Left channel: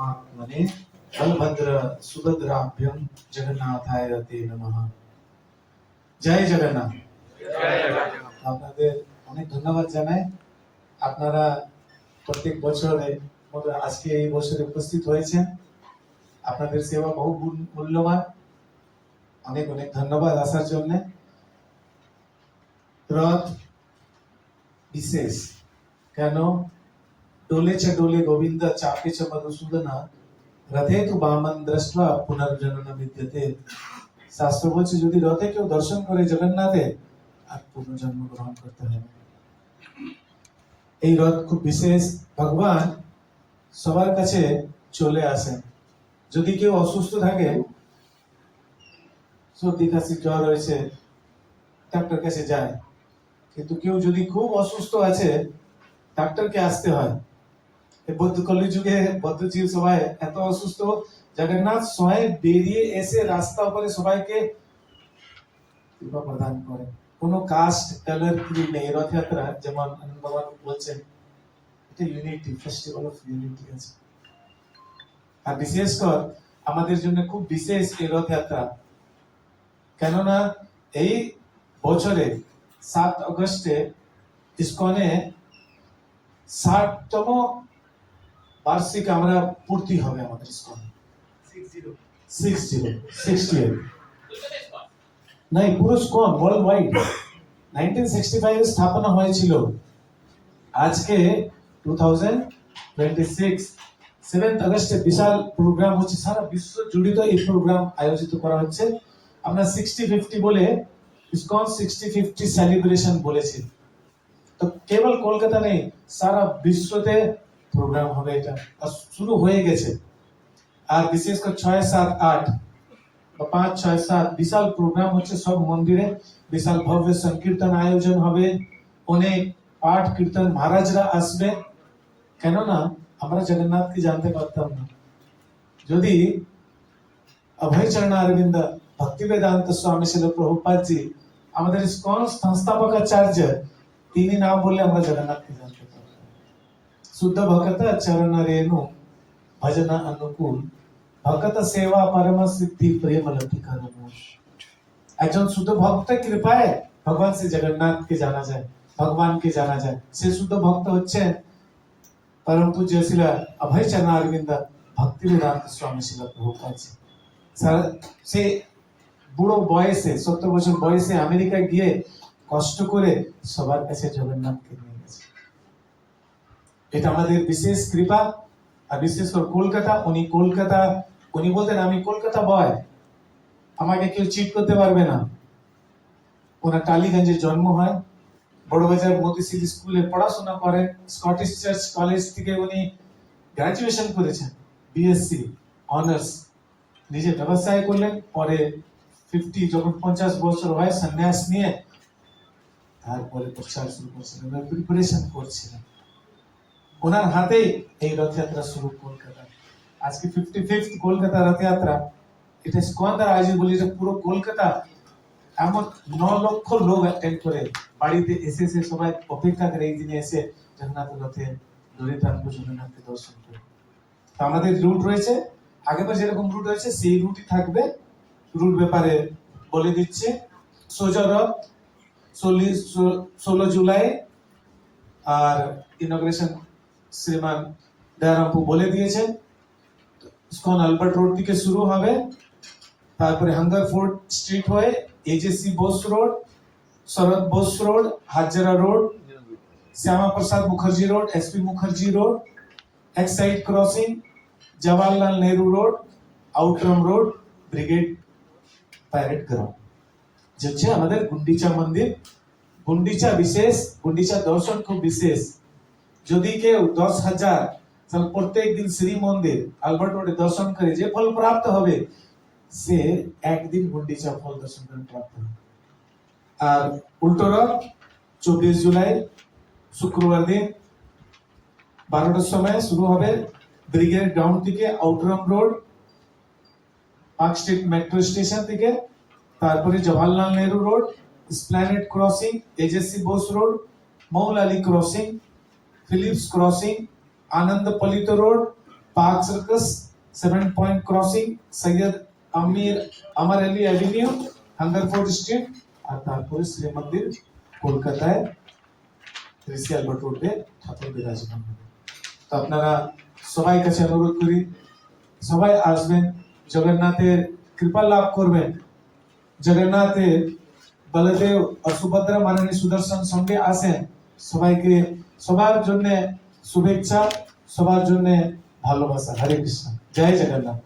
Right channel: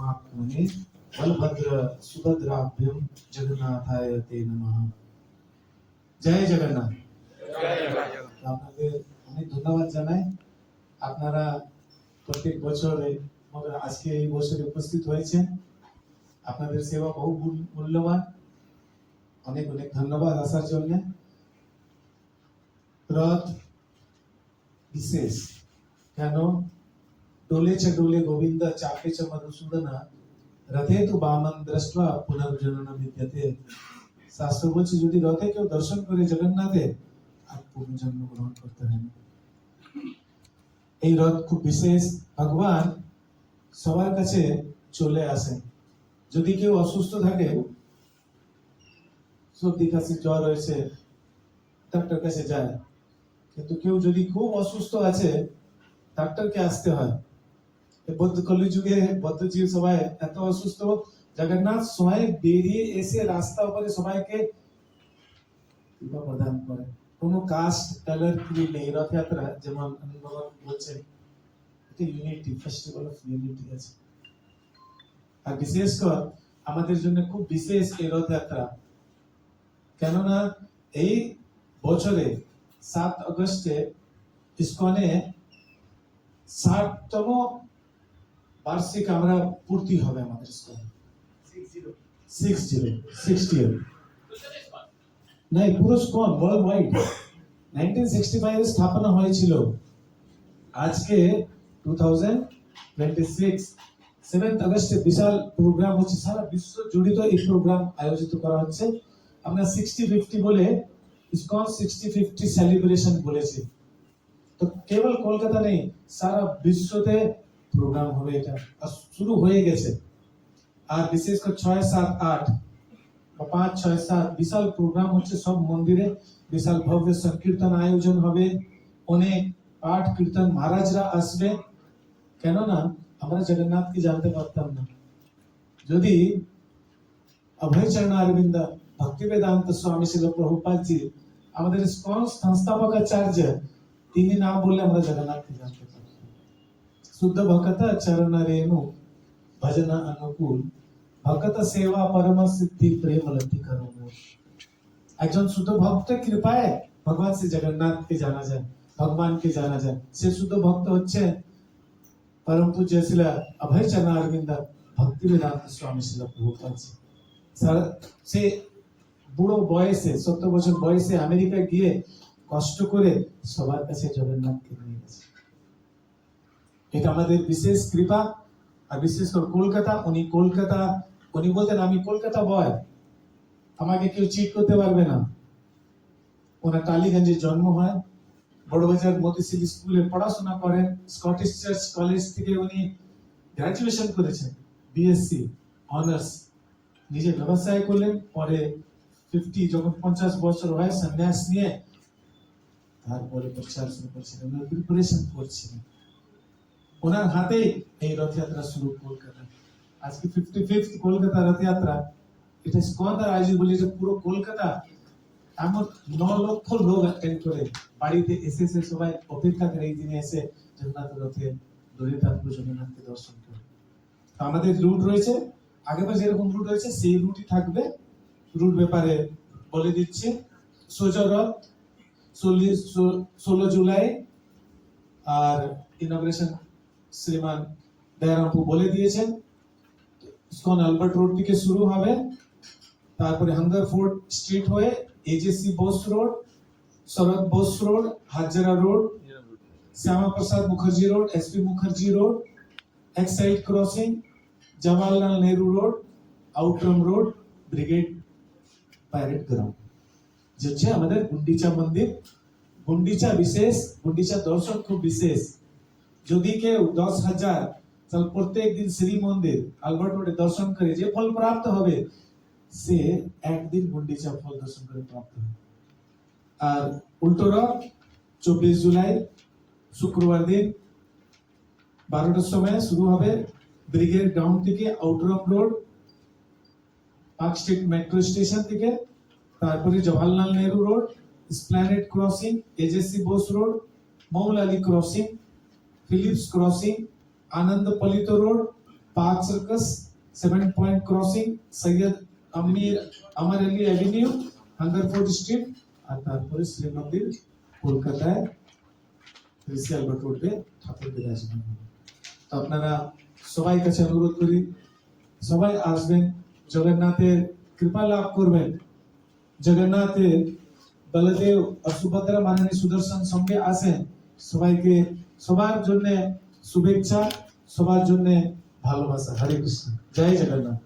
परमात्मने बलभद्र सुभद्राभ्यम जगन्नाथाय ते नमः। জয় জগন্নাথ। আপনাদের অনেক ধন্যবাদ জানাই। আপনারা প্রত্যেক বছরে মতো আজকে এই বছরে উপস্থিত হয়েছেন। আপনাদের সেবা বহু মূল্যবান। অনেক অনেক ধন্যবাদ আসার জন্য। রথ বিশেষ কেন? डोले च डोले गोविंद चापे च मधुसूदना रथे तु बामन दृष्ट्वा पुनर्जन्म विद्यते। শাস্ত্র বলছে যদি রথে কেউ দর্শন করে জগন্নাথে আর পুনর্জন্ম গ্রহণ করতে হয় না। এই রথ খুব বিশেষ। ভগবান সবার কাছে চলে আসেন। যদি কেউ অসুস্থ থাকে, সর্দি কাশি জ্বর হয়েছে, ডাক্তার কাছে যায়, কিন্তু কেউ যদি খুব অসুস্থ আছে ডাক্তারকে আসতে হয়। বৌদ্ধ কলিযুগে বৌদ্ধ জীব সবাই এত অসুস্থ, জগন্নাথ স্বয়ং বেরিয়ে এসে রাস্তা উপরে সবাইকে কৃপা প্রদান করে। কোনো কাস্ট কালার কি নেই। রথযাত্রা যেমন আনন্দ বাবা বলছেন, এটা ইউনিটি, ফেস্টিভ্যাল অফ ইউনিটি আছে। আর বিশেষ করে আমাদের জন্য খুব বিশেষ এই রথযাত্রা, কেননা এই বছরে 7 আগস্টে ইসকনে 60তম বার্ষিক আমরা পূর্তি হবে আমাদের ইসকন। 60 নাই পুরো ইসকন ওয়ার্ল্ড ওয়াইড 1965 এ স্থাপনা হয়েছিল। আজকে 2026 7 আগস্টে বিশাল প্রোগ্রাম হচ্ছে, সারা বিশ্ব জুড়ে এই প্রোগ্রাম আয়োজিত করা হচ্ছে। আমরা 60-50 বলে ইসকন 60-50 সেলিব্রেশন বলেছি। তো কেবল কলকাতা নেই, সারা বিশ্বতে প্রোগ্রাম হবে। এটা শুরু হয়ে গেছে। আর বিশেষ করে 6, 7, 8 বা 5, 6, 7 বিশাল প্রোগ্রাম হচ্ছে সব মন্দিরে। বিশাল ভব্য সংকীর্তন আয়োজন হবে, অনেক পাঠ কীর্তন, মহারাজরা আসবে। কেননা আমরা জগন্নাথকে জানতে পারতাম না যদি অভয় চরণ অরবিন্দ ভক্তি বেদান্ত স্বামী শিল প্রভুপাদ জি আমাদের ইসকন সংস্থাপক আচার্য, তিনি না বললে আমরা জগন্নাথকে জানতে পারতাম। শুদ্ধ ভক্ত চরণ রেণু ভজন অনুকূল ভক্ত সেবা পরম সিদ্ধি প্রেম লব্ধি করম। একজন শুদ্ধ ভক্তের কৃপায় ভগবান শ্রী জগন্নাথকে জানা যায়, ভগবানকে জানা যায়। সে শুদ্ধ ভক্ত হচ্ছে परम पूज्य शिला अभय चरण अरविंद भक्ति वेदांत स्वामी शिला प्रभुपाद जी। সে বুড়ো বয়সে 70 বছর বয়সে আমেরিকা গিয়ে কষ্ট করে সবার কাছে জগন্নাথকে নিয়ে গেছে। এটা আমাদের বিশেষ কৃপা। আর বিশেষ করে কলকাতা, উনি বলতেন আমি কলকাতা বয়, আমাকে কেউ চিট করতে পারবে না। ওনার টালিগঞ্জে জন্ম হয়, বড়বাজার মতিশিল স্কুলে পড়াশোনা করেন। স্কটিশ চার্চ কলেজ থেকে উনি গ্রাজুয়েশন করেছেন, বিএসসি অনার্স। নিজে ব্যবসায় করলেন। পরে 50 যখন 50 বছর হয় সন্ন্যাস নিয়ে তারপরে প্রচার শুরু করছিলেন, প্রিপারেশন করছিলেন। ওনার হাতেই এই রথযাত্রা শুরু কলকাতা। আজকে 55th কলকাতা রথযাত্রা। এটা ইসকন দ্বারা আয়োজিত বলি, এটা পুরো কলকাতা এমন 9 লক্ষ লোক অ্যাটেন্ড করে। বাড়িতে এসে সবাই অপেক্ষা করে এই দিনে এসে জগন্নাথ রথে দড়ি টানবো, জগন্নাথকে দর্শন করে। তো আমাদের রুট রয়েছে, আগেবার যেরকম রুট রয়েছে সেই রুটই থাকবে। রুট ব্যাপারে বলে দিচ্ছে। সোজা রথ 16 জুলাই, আর ইনগ্রেশন শ্রীমান দয়ারামপু বলে দিয়েছেন। ইসকন আলবার্ট রোড থেকে শুরু হবে, তারপরে হাঙ্গারফোর্ড স্ট্রিট হয়ে AJC Bose road, Sharad Bose road, Hazra road, Shyama Prasad Mukherjee road, SP Mukherjee road, Exide crossing, Jawaharlal Nehru road, Outram road, brigade parade ground. जो আমাদের গুন্ডিচা মন্দির, গুন্ডিচা বিশেষ, গুন্ডিচা দর্শন খুব বিশেষ। যদি কেউ 10,000 সাল প্রত্যেক দিন শ্রী মন্দির আলবার্ট রোডে দর্শন করে যে ফল প্রাপ্ত হবে, সে একদিন গুন্ডিচা ফল দর্শন করে প্রাপ্ত হবে। আর উল্টো রথ 24 জুলাই শুক্রবার দিন 12টার সময় শুরু হবে ব্রিগেড গ্রাউন্ড থেকে, Outram road, park street metro station থেকে, তারপরে Jawaharlal Nehru road, Esplanade crossing, AJC Bose road, Moulali crossing, Philips crossing, Ananda Palit road, park circus 7 point crossing Syed Amir Ali avenue Hungerford street আর তারপরে শ্রী মন্দির কলকাতায় ঋষি আলবার্ট রোডে ঠাকুর বিরাজমান হবে। তো আপনারা সবাই কাছে অনুরোধ করি সবাই আসবেন, জগন্নাথের কৃপা লাভ করবেন। জগন্নাথের বলদেব আর সুভদ্রা মাননী সুদর্শন সঙ্গে আসেন। সবাইকে সবার জন্য শুভেচ্ছা, সবার জন্য ভালোবাসা। হরে কৃষ্ণ, জয় জগন্নাথ।